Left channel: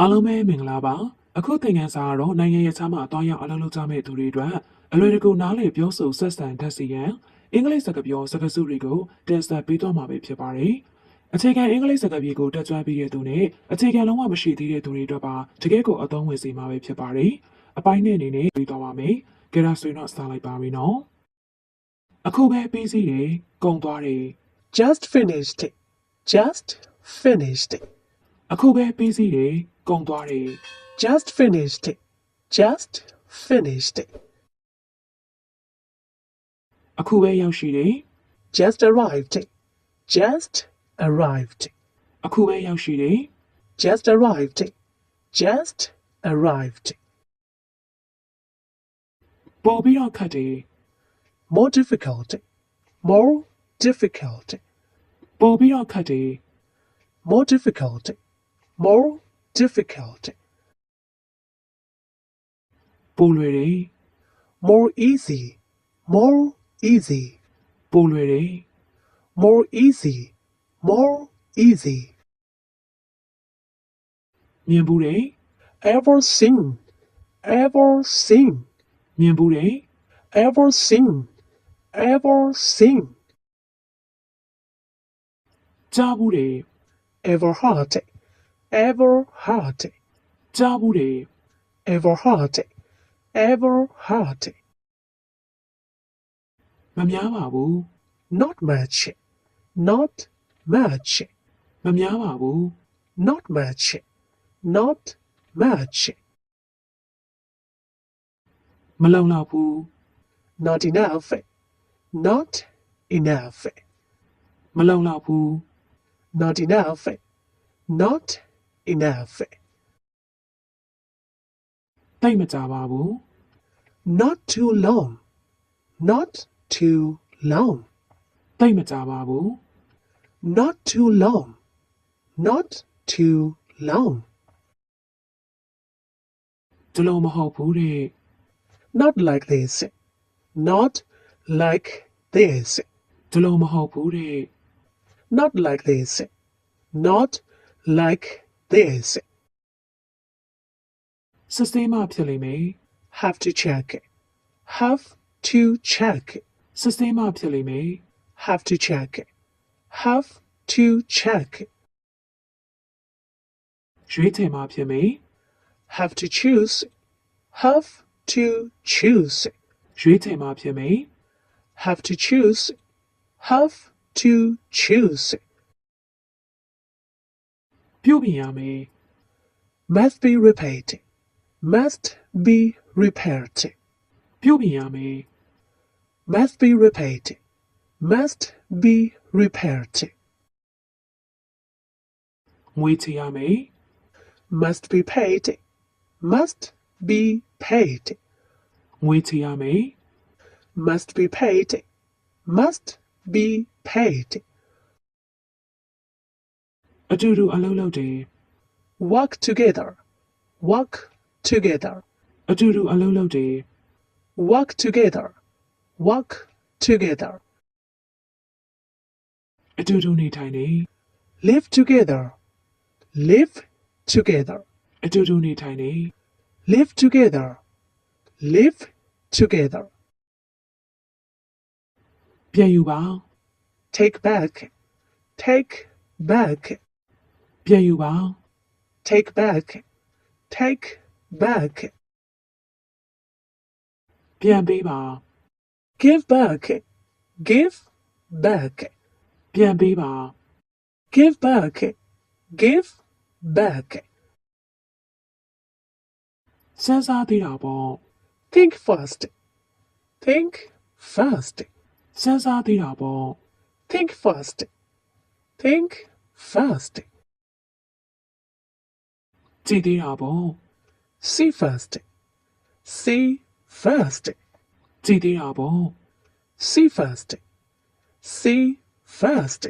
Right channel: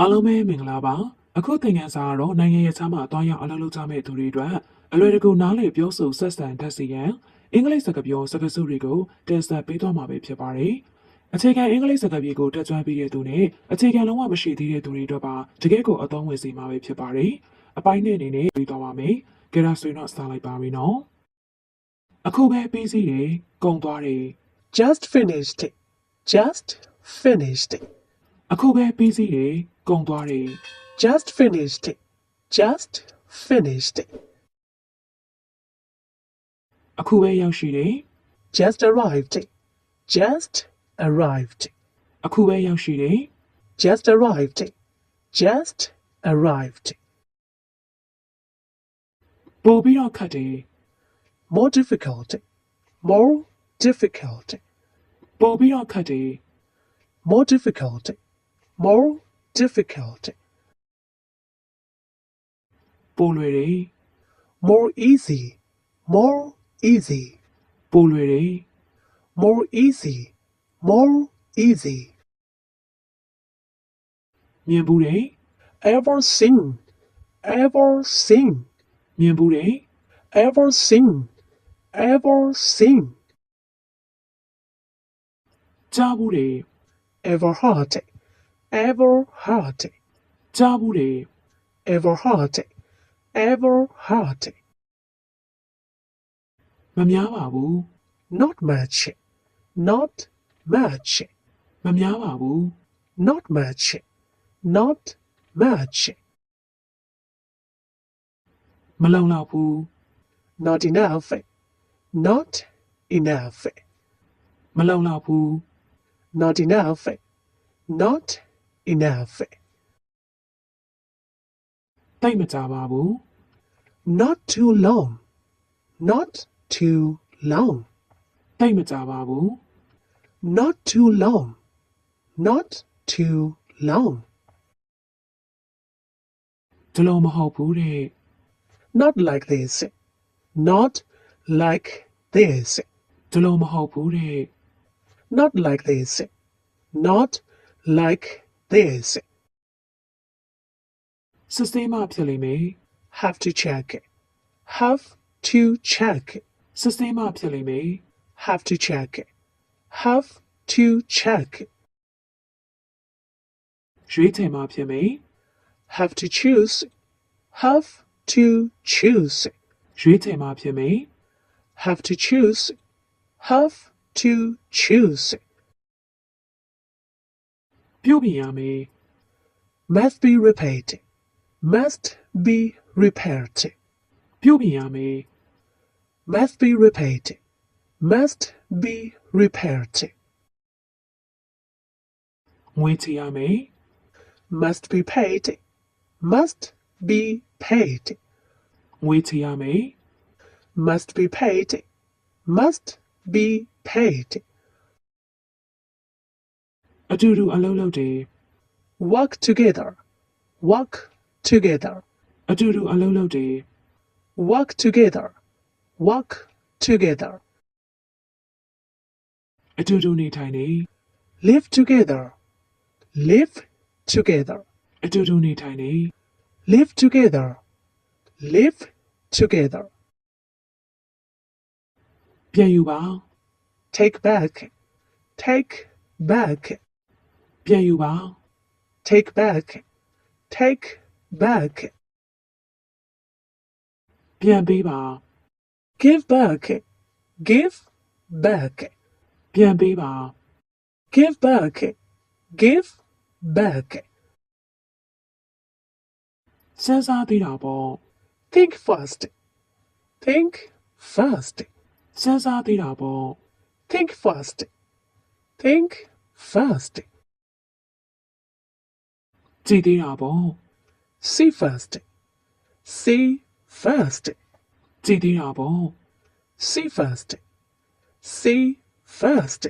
အားလုံးပဲမင်္ဂလာပါအခုသင်ခန်းစာကတော့နိုင်ငံရေးခြားမှာအသွားရောက်အလုပ်လုပ်ကြမဲ့သူတွေအတွက်အလွယ်တကူနားလည်ပြောဆိုဆက်ဆံတတ်စေရန်အင်္ဂလိပ်စကားပြောစကားစုတွေကိုတင်ဆက်ပေးသွားမှာပဲဖြစ်ပါတယ်အခြေခံအင်္ဂလိပ်စကားပြေကိုတက်ကြွပြီးတဲ့သူနဲ့အခြေခံလုံးဝမရှိသေးတဲ့သူတွေအတွက်ပါတကယ့်ကိုအသုံးဝင်စေမှာပဲဖြစ်ပါတယ်အပိုင်းနဲ့အနေနဲ့ပြီးသွားပါမယ်ကြရဆွေးတော့စလိုက်ပါပြီနော်အခုပဲပြီးစီးတယ်ကုန်သွားတယ် Just finished. Just finished. အခုပဲပြီးစီးတယ်ကုန်သွားတယ် Just finished. Just finished. အခုပဲရောက်ရှိတယ် Just arrived. Just arrived. အခုပဲရောက်ရှိတယ် Just arrived. Just arrived. ပို့ပြီးတော့ခတ်တယ် More difficult. More difficult. ပို့ပြီးတော့ခတ်တယ် More difficult. More difficult. ပို့လွယ်တယ် More easy. More easy. ပို့လွယ်တယ် More easy. More easy. မြင်ဘူးတယ် Ever seen. Ever seen. မြင်ဘူးတယ် Ever seen. Ever seen. ကြားဘူးတယ် Ever heard. Ever heard. ကြားဘူးတယ် Ever heard. Ever heard. မများပါဘူး Not much. Not much. မများပါဘူး Not much. Not much. မလုံလောက်ဘူး Not enough. Not enough. မလုံလောက်ဘူး Not enough. Not enough. တိတ်မကြပါဘူး Not too long. Not too long. တိတ်မကြပါဘူး Not too long. Not too long. ဒီလိုမဟုတ်ဘူးတဲ့ Not like this. Not like this. ဒီလိုမဟုတ်ဘူးတဲ့ Not like this. Not like this. စစ်ဆေးမှဖြစ်လိမ့်မယ် Have to check. Have to check. စစ်ဆေးမှဖြစ်လိမ့်မယ် Have to check. Have to check. ရွေးချယ်မှဖြစ်မယ် Have to choose. Have to choose. ရွေးချယ်မှဖြစ်မယ် Have to choose. Have to choose. ပြုတ်ပြင်ရမယ် Must be repaired. Must be repaired. ပြုတ်ပြင်ရမယ် Must be repaired. Must be repaired. ငွေချေရမယ် Must be paid. Must be paid. ငွေချေရမယ် Must be paid. Must be paid. အတူတူအလုပ်လုပ်တယ် Work together. Work together. အတူတူအလုပ်လုပ်တယ် Work together. Work together. အတူတူနေထိုင်တယ် Live together. Live together. အတူတူနေထိုင်တယ် Live together. Live together. ပြန်ယူပါ Take back. Take back. ပြန်ယူပါ Take back. Take back. ပြန်ပေးပါ Give back. Give back. ပြန်ပေးပါ Give back. Give back. စဉ်းစားသေးတာပေါ့ Think fast. Think fast. စဉ်းစားသေးတာပေါ့ Think fast. Think fast. ကြည်သေးတာပေါ့ See fast. See fast. ကြည်သေးတာပေါ့ See fast. See fast.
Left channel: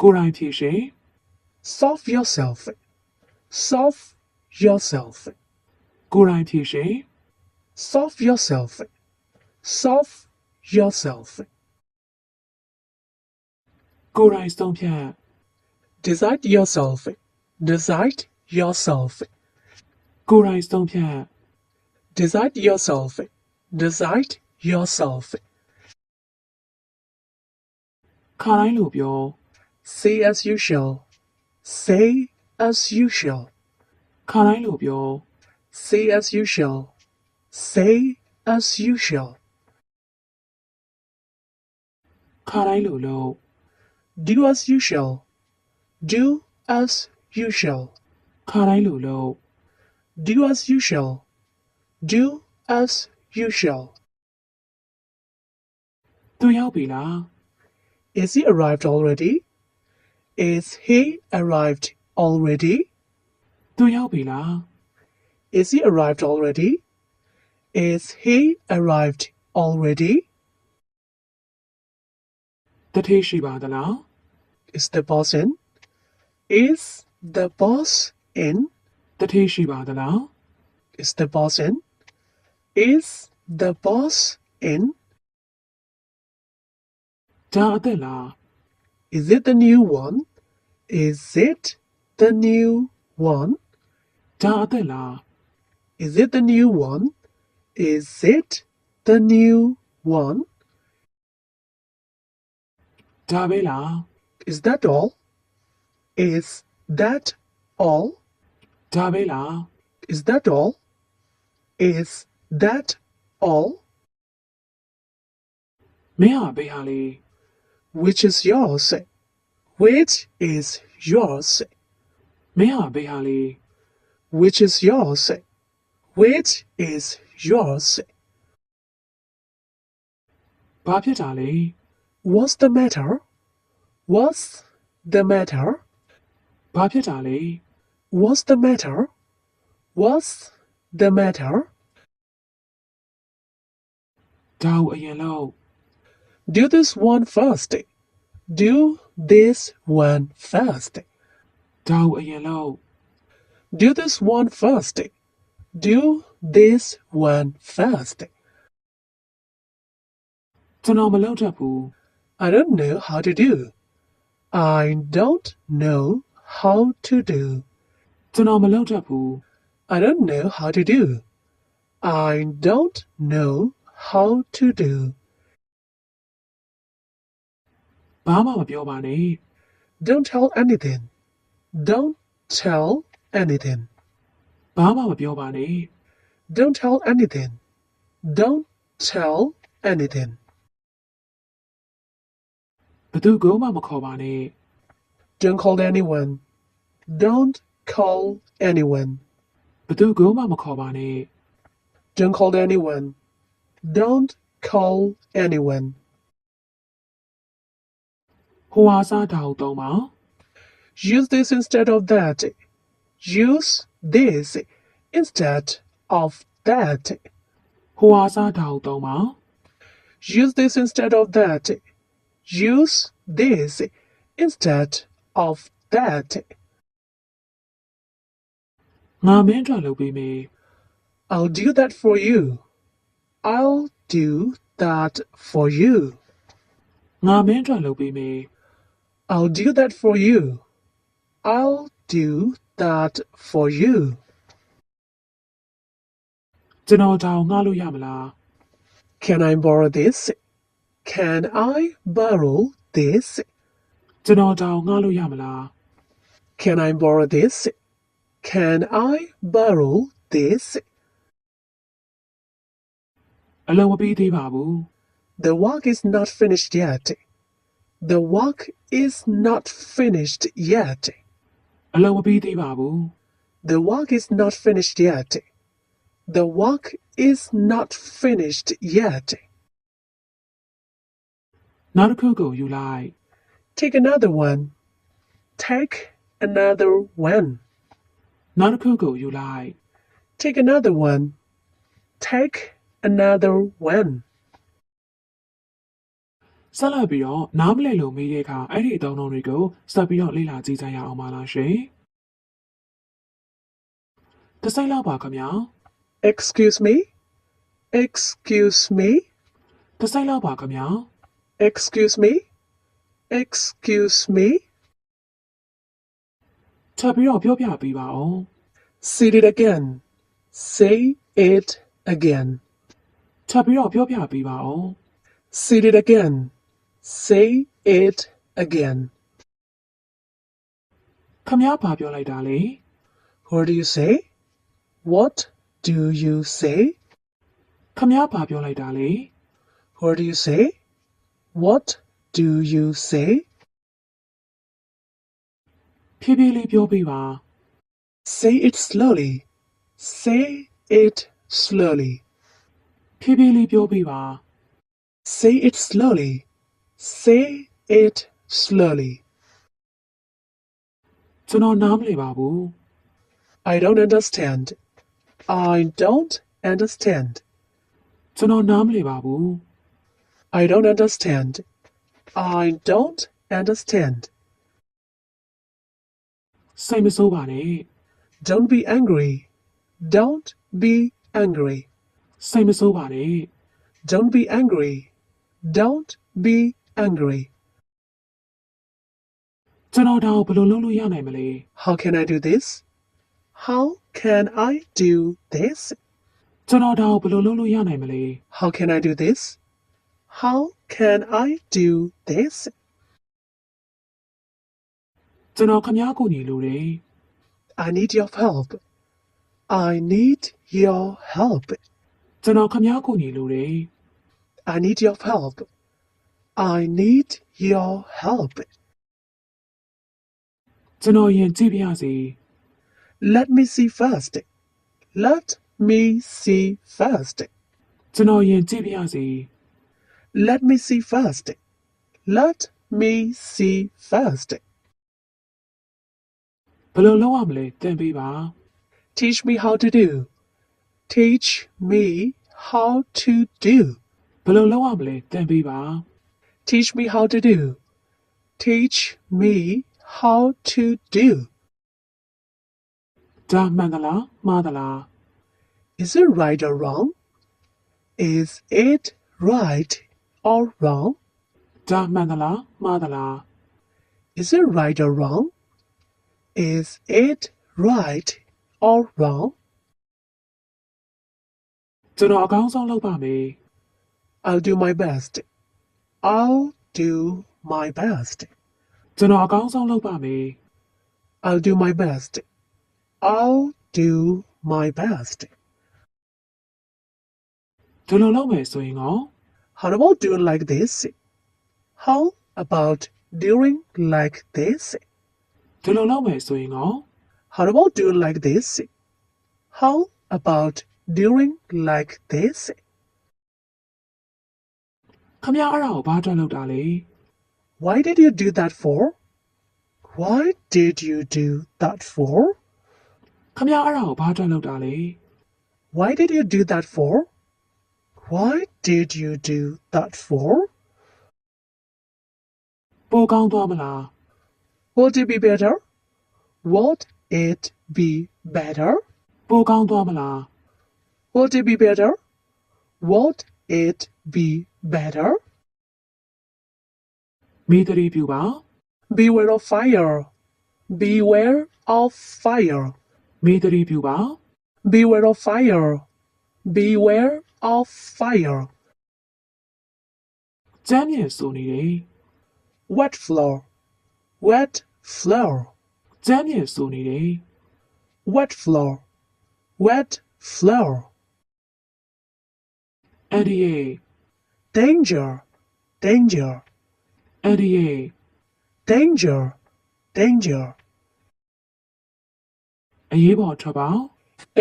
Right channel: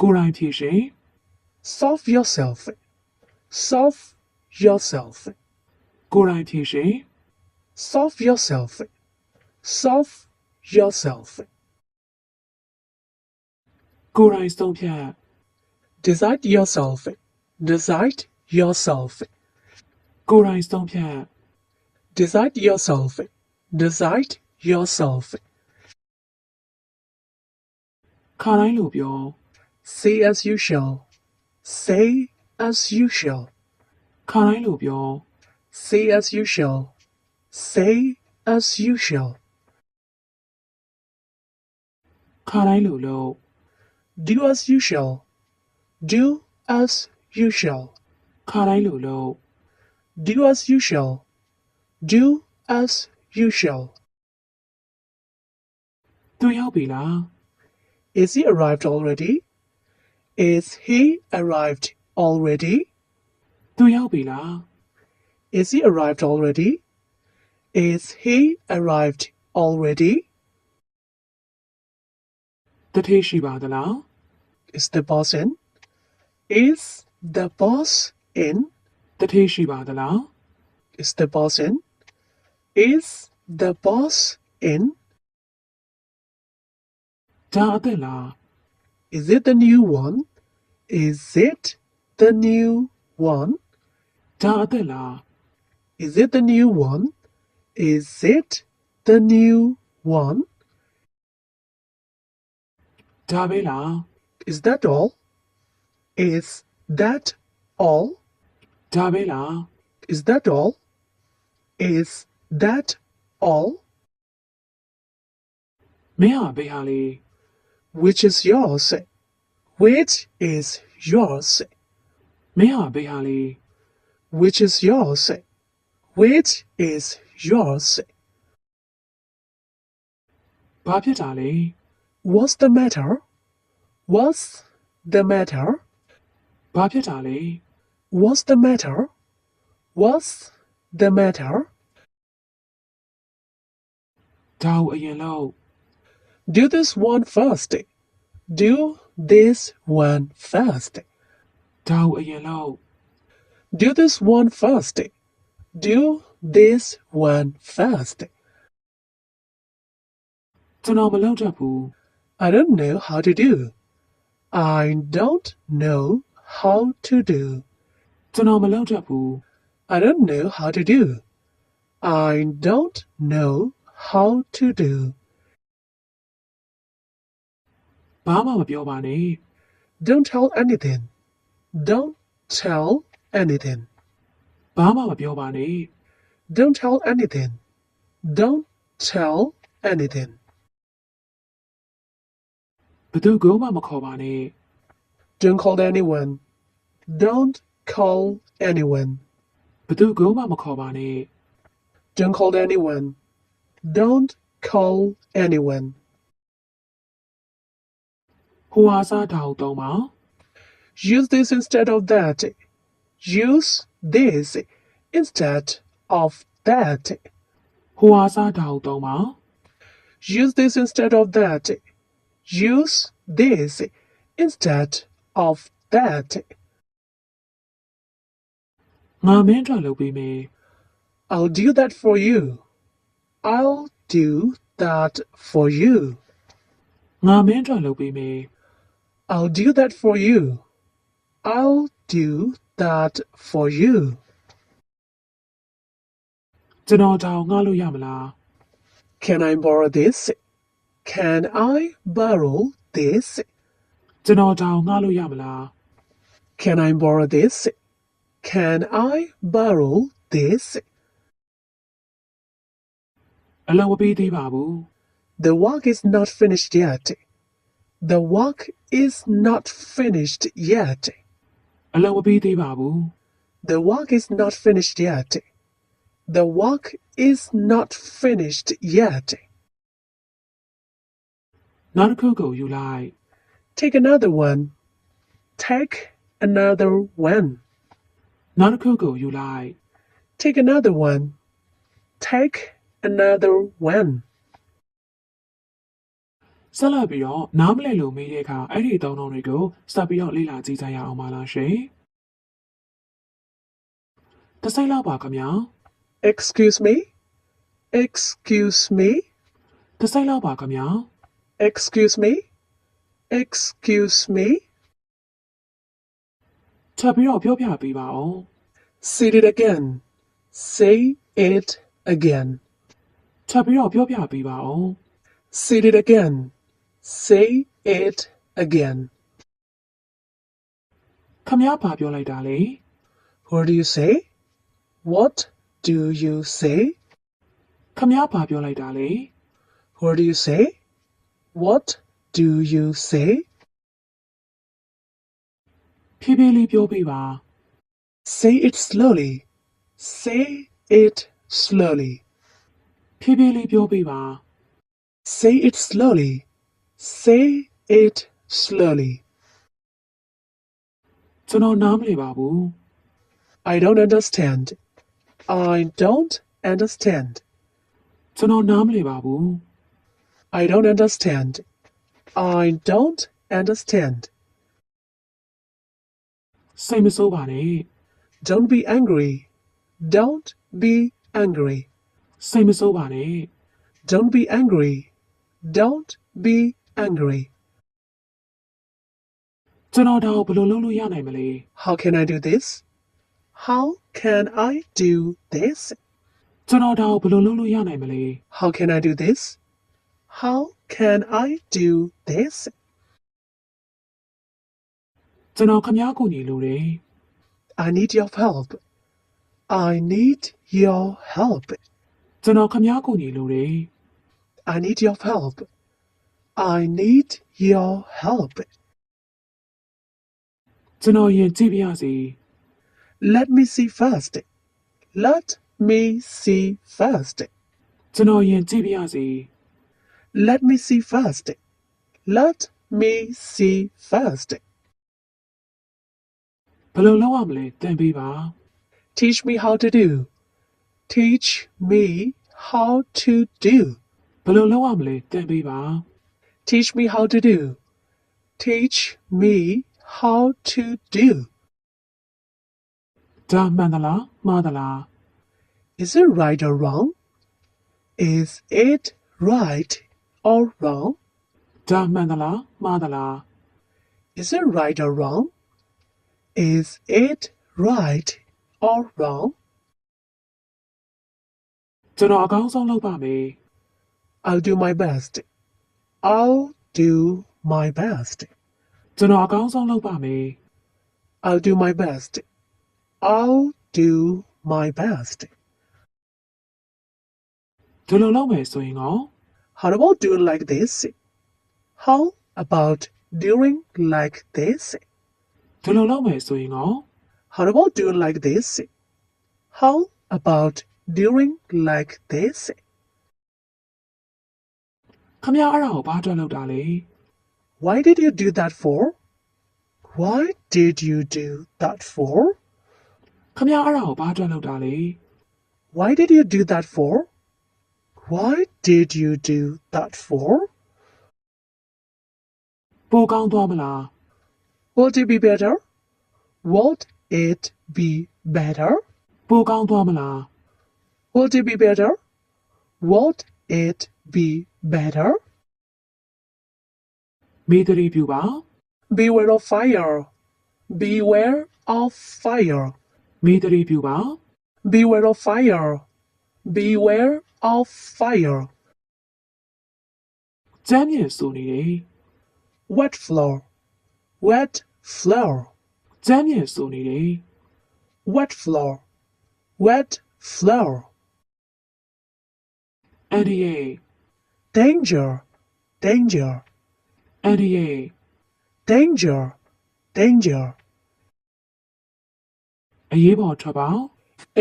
ကိုယ်တိုင်ဖြေရှင် Solve yourself. Solve yourself. ကိုယ်တိုင်ဖြေရှင် Solve yourself. Solve yourself. ကိုယ်တိုင်ဆုံးဖြတ် Decide yourself. Decide yourself. ကိုယ်တိုင်ဆုံးဖြတ် Decide yourself. Decide yourself. ခါတိုင်းလိုပြော Say as you shall. Say as you shall. ခါတိုင်းလိုပြော Say as you shall. Say as you shall. ခါတိုင်းလိုလုပ် Do as you shall. Do as you shall. ခါတိုင်းလိုလုပ် Do as you shall. Do as you shall. သူရောက်ပြီလား Is he arrived already? Is he arrived already? သူရောက်ပြီလား Is he arrived already? Is he arrived already? တထေးရှိပါသလား Is the boss in? Is the boss in? တထေးရှိပါသလား Is the boss in? Is the boss in? ဒါအသက်လား Is it the new one? Is it the new one? ဒါအသက်လား Is it the new one? Is it the new one? ဒါပဲလား Is that all? Is that all? ဒါပဲလား Is that all? Is that all? မင်းဟာဘေးဟာလေ Which is yours? Which is yours? မင်းဟာဘေးဟာလေ Which is yours? Which is yours? ဘာဖြစ်တာလဲ What's the matter? What's the matter? ဘာဖြစ်တာလဲ What's the matter? What's the matter? ဒါကိုအရင်လုပ် Do this one first. Do this one first. ဒါကိုအရင်လုပ် Do this one first. Do this one first. ကျွန်တော်မလုပ်တတ်ဘူး I don't know how to do. I don't know how to do. ကျွန်တော်မလုပ်တတ်ဘူး I don't know how to do. I don't know how to do. ဘာမှမပြောပါနဲ့ Don't tell anything. Don't tell anything. ဘာမှမပြောပါနဲ့ Don't tell anything. Don't tell anything. ဘသူကမှမခေါ်ပါနဲ့ Don't call anyone. Don't call anyone. ဘသူကမှမခေါ်ပါနဲ့ Don't call anyone. Don't call anyone. ဟိုဟာစားတာကိုသုံးပါ Use this instead of that. Use this instead of that. ဟိုဟာစားတာကိုသုံးပါ Use this instead of that. Use this instead of that. ငါမင်းအတွက်လုပ်ပေးမယ် I'll do that for you. I'll do that for you. ငါမင်းအတွက်လုပ်ပေးမယ် I'll do that for you. I'll do that for you. ကျွန်တော်ဒါကိုငှားလို့ရမလား Can I borrow this? Can I borrow this? ကျွန်တော်ဒါကိုငှားလို့ရမလား Can I borrow this? Can I borrow this? အလုပ်မပြီးသေးပါဘူး The work is not finished yet. The work is not finished yet. အလုပ်မပြီးသေးပါဘူး The work is not finished yet. The work is not finished yet. နောက်တစ်ခုကိုယူလိုက် Take another one. Take another one. နောက်တစ်ခုကိုယူလိုက် Take another one. Take another one. ဆက်လက်ပြီးတော့နားမလည်လို့မေးတဲ့အခါအဲ့ဒီအသုံးအနှုန်းတွေကိုစပ်ပြီးတော့လေ့လာကြည့်ကြရအောင်ပါလားရှင်တစ်စိတ်လောက်ပါခင်ဗျာ Excuse me? Excuse me? တစ်စိတ်လောက်ပါခင်ဗျာ Excuse me? Excuse me? ထ ထပ်ပြီးတော့ပြောပြပေးပါဦး Say it again. Say it again. ထပ်ပြီးတော့ပြောပြပေးပါဦး Say it again. Say it again. ခမည်းဘာပြောလိုက်တာလဲ What do you say? What do you say? ခမည်းဘာပြောလိုက်တာလဲ What do you say? What do you say? ဖြည်းဖြည်းလေးပြောပေးပါ Say it slowly. Say it slowly. ဖြည်းဖြည်းလေးပြောပေးပါ Say it slowly. Say it slowly. ကျွန်တော်နားမလည်ပါဘူး I don't understand. I don't understand. ကျွန်တော်နားမလည်ပါဘူး I don't understand. I don't understand. စိတ်မဆိုးပါနဲ့ Don't be angry. Don't be angry. စိတ်မဆိုးပါနဲ့ Don't be angry. Don't be angry. ကျွန်တော်ဒါကိုဘယ်လိုလုပ်လို့ရနိုင်မလဲ How can I do this? How can I do this? ကျွန်တော်ဒါကိုဘယ်လိုလုပ်လို့ရနိုင်မလဲ How can I do this? How can I do this? ကျွန်တော်ခမည်းကိုညီလိုတယ် I need your help. I need your help. ကျွန်တော်ခမည်းကိုညီလိုတယ် I need your help. I need your help. ကျွန်တော်ရင်ကြည့်ပြရစီ Let me see first. Let me see first. ကျွန်တော်ရင်ကြည့်ပြရစီ Let me see first. Let me see first. ဘယ်လိုလုပ်ရမလဲသင်ပေးပါ Teach me how to do. Teach me how to do. ဘယ်လိုလုပ်ရမလဲသင်ပေးပါ Teach me how to do. Teach me how to do. ဒါမှန်သလားမှားသလား Is it right or wrong? Is it right or wrong? ဒါမှန်သလားမှားသလား Is it right or wrong? Is it right or wrong? ကျွန်တော်အကောင်းဆုံးလုပ်ပါမယ် I'll do my best. I'll do my best. ကျွန်တော်အကောင်းဆုံးလုပ်ပါမယ် I'll do my best. I'll do my best. ဒီလိုလုပ်မယ်ဆိုရင်ကော How about doing like this? How about doing like this? ဒီလိုလုပ်မယ်ဆိုရင်ကော How about doing like this? How about doing like this? ခမည်းအဲ့ဒါကိုဘာအတွက်လုပ်တာလဲ Why did you do that for? Why did you do that for? ခမည်းအဲ့ဒါကိုဘာအတွက်လုပ်တာလဲ Why did you do that for? Why did you do that for? ပိုကောင်းသွားမလား Would it be better? Would it be better? ပိုကောင်းသွားမလား Would it be better? Would it be better? မိသတိပြုပါ Beware of fire. Beware of fire. မိသတိပြုပါ Beware of fire. Beware of fire. ကျမ်းမြေဆိုနေတယ် Wet floor. Wet floor. ကျမ်းမြေဆိုနေတယ် Wet floor. Wet floor. အန်ဒီယေ Danger. Danger. အန်ဒီယေ Danger. Danger. အရေးပေါ်ထွက်ပါ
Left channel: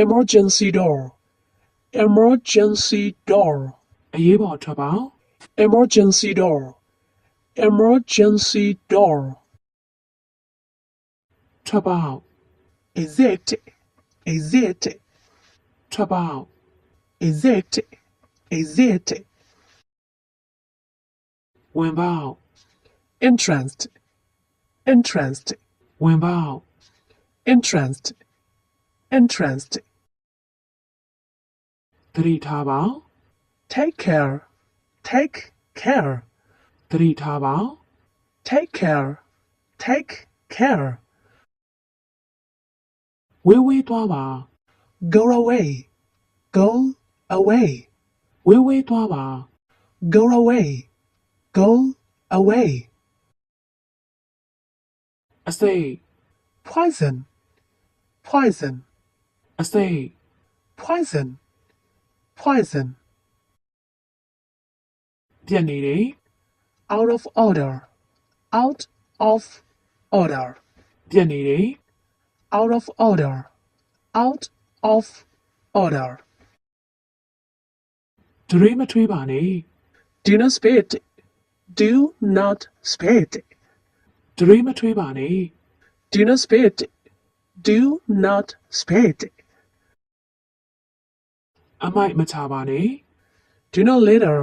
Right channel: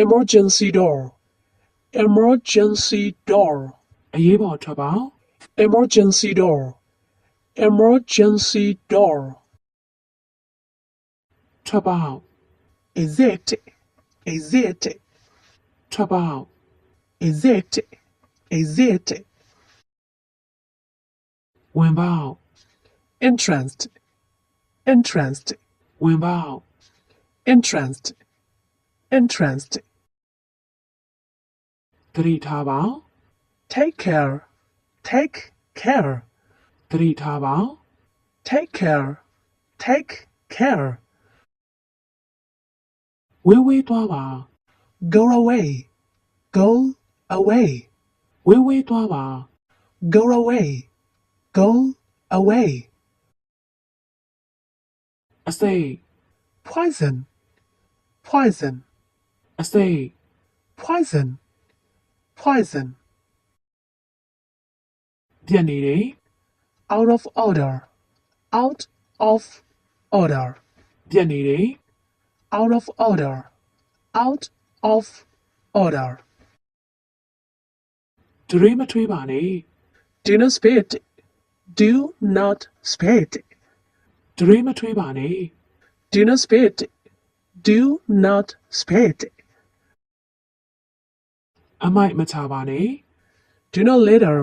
Emergency door. Emergency door. အရေးပေါ်ထွက်ပါ Emergency door. Emergency door. ထွက်ပါ Exit. Exit. ထွက်ပါ Exit. Exit. ဝင်ပါ Entrance. Entrance. ဝင်ပါ Entrance. Entrance. သတိထားပါ Take care. Take care. သတိထားပါ Take care. Take care. ဝေးဝေးသွားပါ Go away. Go away. ဝေးဝေးသွားပါ Go away. Go away. အစိတ် Poison. Poison. အစိတ် Poison. Poison. ပြက်နေတယ် Out of order. Out of order. ပြက်နေတယ် Out of order. Out of order. ဒရွေးမထွေးပါနဲ့ Do not spit. Do not spit. ဒရွေးမထွေးပါနဲ့ Do not spit. Do not spit. အမိုက်မချပါနဲ့ Do not litter.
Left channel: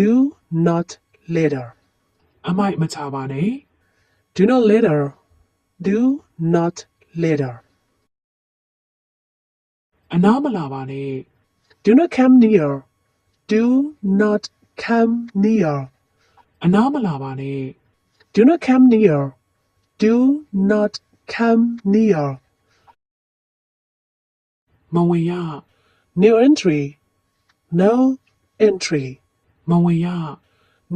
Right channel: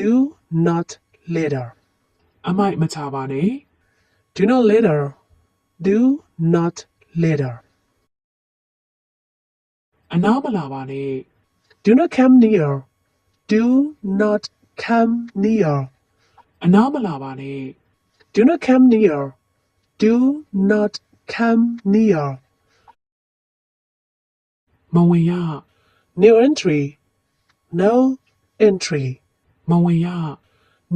Do not litter. အမိုက်မချပါနဲ့ Do not litter. Do not litter. အနားမလာပါနဲ့ Do not come near. Do not come near. အနားမလာပါနဲ့ Do not come near. Do not come near. မဝင်ရ No entry. No entry. မဝင်ရ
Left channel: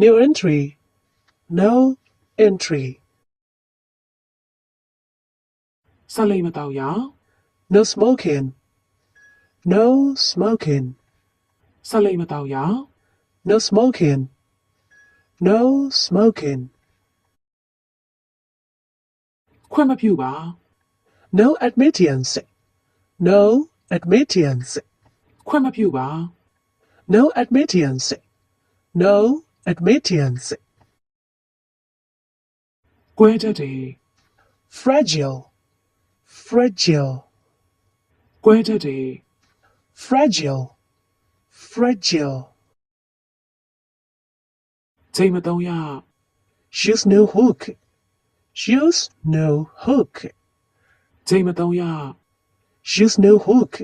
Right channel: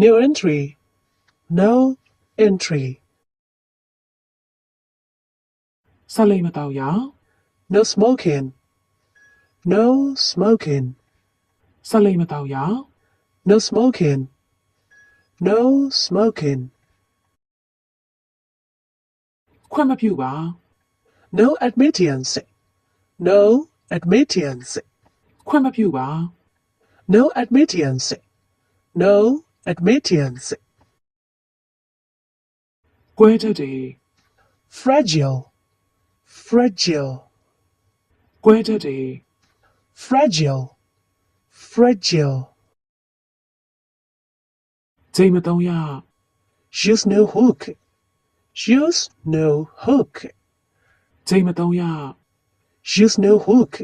No entry. No entry. ဆက်လိမ့်မတော့ရ No smoking. No smoking. ဆက်လိမ့်မတော့ရ No smoking. No smoking. ခွင့်မပြုပါ No admittance. No admittance. ခွင့်မပြုပါ No admittance. No admittance. ကွဲတတ်တယ် Fragile. Fragile. ကွဲတတ်တယ် Fragile. Fragile. ချိန်မသုံးရ Use no hook. Use no hook. ချိန်မသုံးရ Use no hook.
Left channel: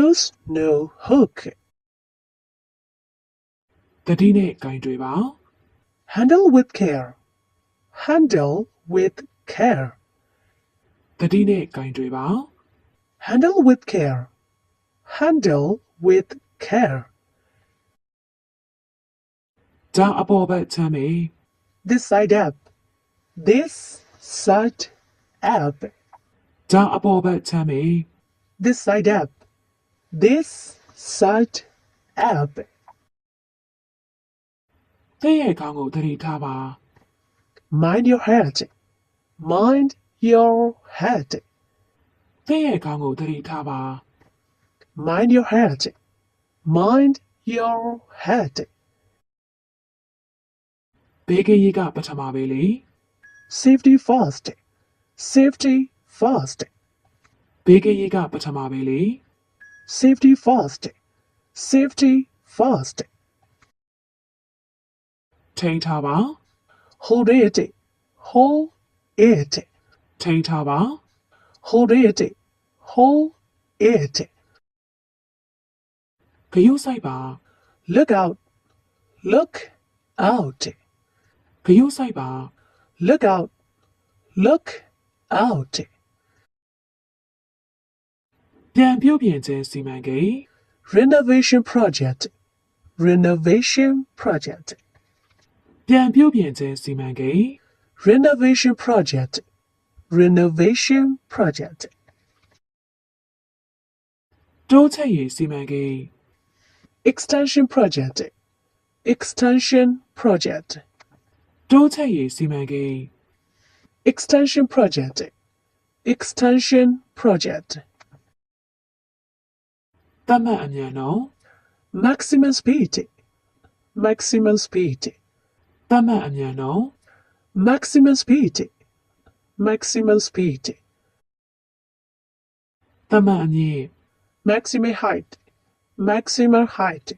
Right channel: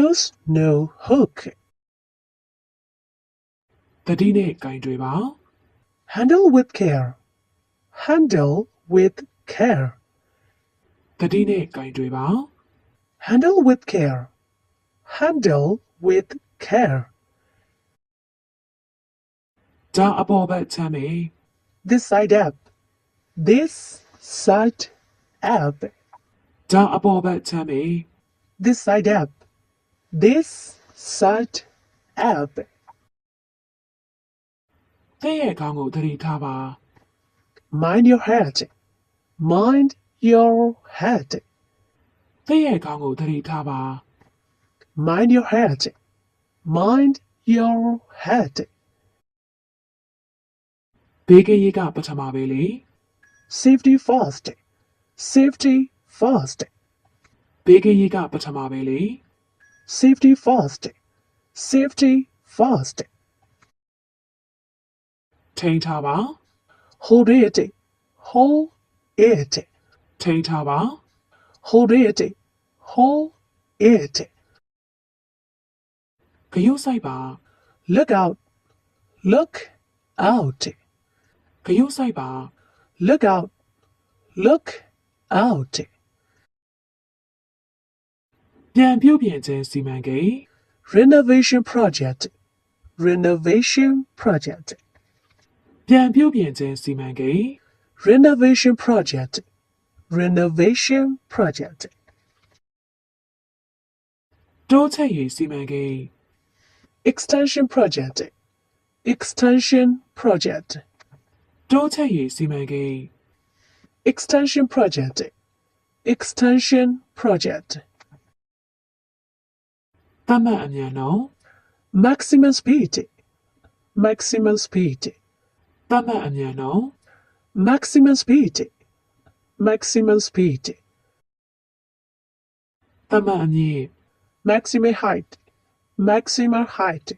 Use no hook. တတိနဲ့ကင်တွေပါ Handle with care. Handle with care. တတိနဲ့ကင်တွေပါ Handle with care. Handle with care. ဒါအပေါ်ဘက်ချမ်းမေ This side up. This side up. ဒါအပေါ်ဘက်ချမ်းမေ This side up. This side up. တဲ့ရဲ့ခေါင်းကိုတတိထားပါ Mind your head. Mind your head. တဲ့ရဲ့ခေါင်းကိုတတိထားပါ Mind your head. Mind your head. ဘေးကင်းရေးကပထမပဲလေ Safety first. Safety first. ဘေးကင်းရေးကပထမပဲလေ Safety first. Safety first. ထိန်းထားပါ Hold it. Hold it. ထိန်းထားပါ Hold it. Hold it. ဂရုစိုက်ပါ Look out. Look out. ဂရုစိုက်ပါ Look out. Look out. ပြန်ပြုတ်ပြင်ခြင်းစီမံကိန်း Renovation project. Renovation project. ပြန်ပြုတ်ပြင်ခြင်းစီမံကိန်း Renovation project. Renovation project. တိုးချက်ရေးစီမံကိန်း Extension project. Extension project. တိုးချက်ရေးစီမံကိန်း Extension project. Extension project. သတ်မှတ်အမြန်နှုန်း Maximum speed. Maximum speed. သတ်မှတ်အမြန်နှုန်း Maximum speed. Maximum speed. သတ်မှတ်အမြင့် Maximum height. Maximum height.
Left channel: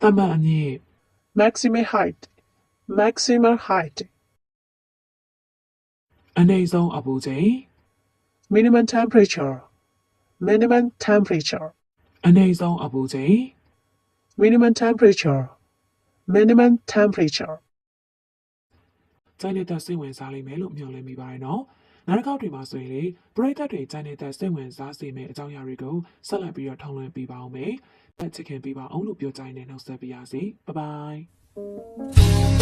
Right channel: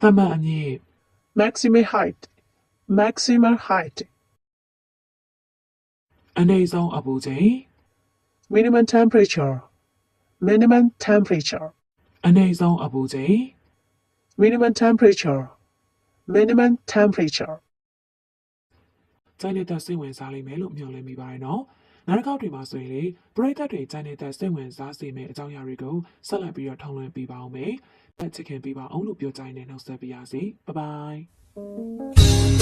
သတ်မှတ်အမြင့် Maximum height. Maximum height. အနည်းဆုံးအပူချိန် Minimum temperature. Minimum temperature. အနည်းဆုံးအပူချိန် Minimum temperature. Minimum temperature. ကျိုင်းနေတဲ့စိတ်ဝင်စားလိမ့်မယ်လို့မျှော်လင့်မိပါတယ်နော် နောက်တစ်ခေါက်တွေမှာဆိုရင်လေပရိသတ်တွေကြိုင်နေတဲ့စိတ်ဝင်စားစေမယ့်အကြောင်းအရာတွေကိုဆက်လက်ပြီးတော့ထောက်လွှင့်ပေးပါအောင်မယ်။ချစ်ခင်ပေးပါအောင်လို့ပြောကြရင်လည်းနှုတ်ဆက်ပေးရစီ။ Bye bye